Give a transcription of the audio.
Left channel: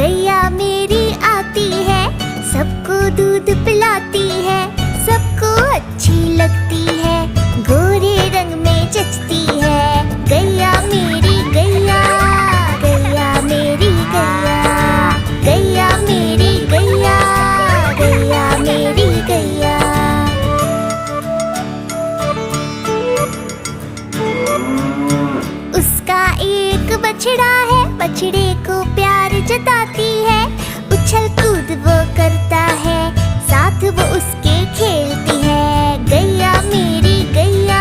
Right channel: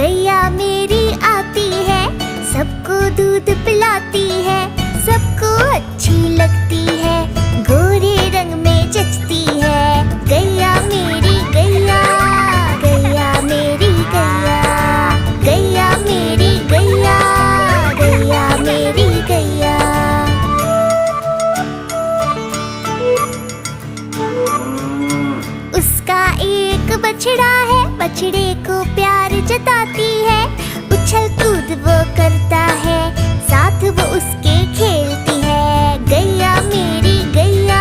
गैया मेरी आती है, सबको दूध पिलाती है, सबको अच्छी लगती है, गोरे रंग में जचती है। गैया मेरी गैया, गैया मेरी गैया, गैया मेरी गैया, गैया मेरी गैया। उसका एक बछड़ा है, बछड़े को प्यार जताती है, उछल कूद वो करता है, साथ वो उसके खेलती है। गैया मेरी गैया,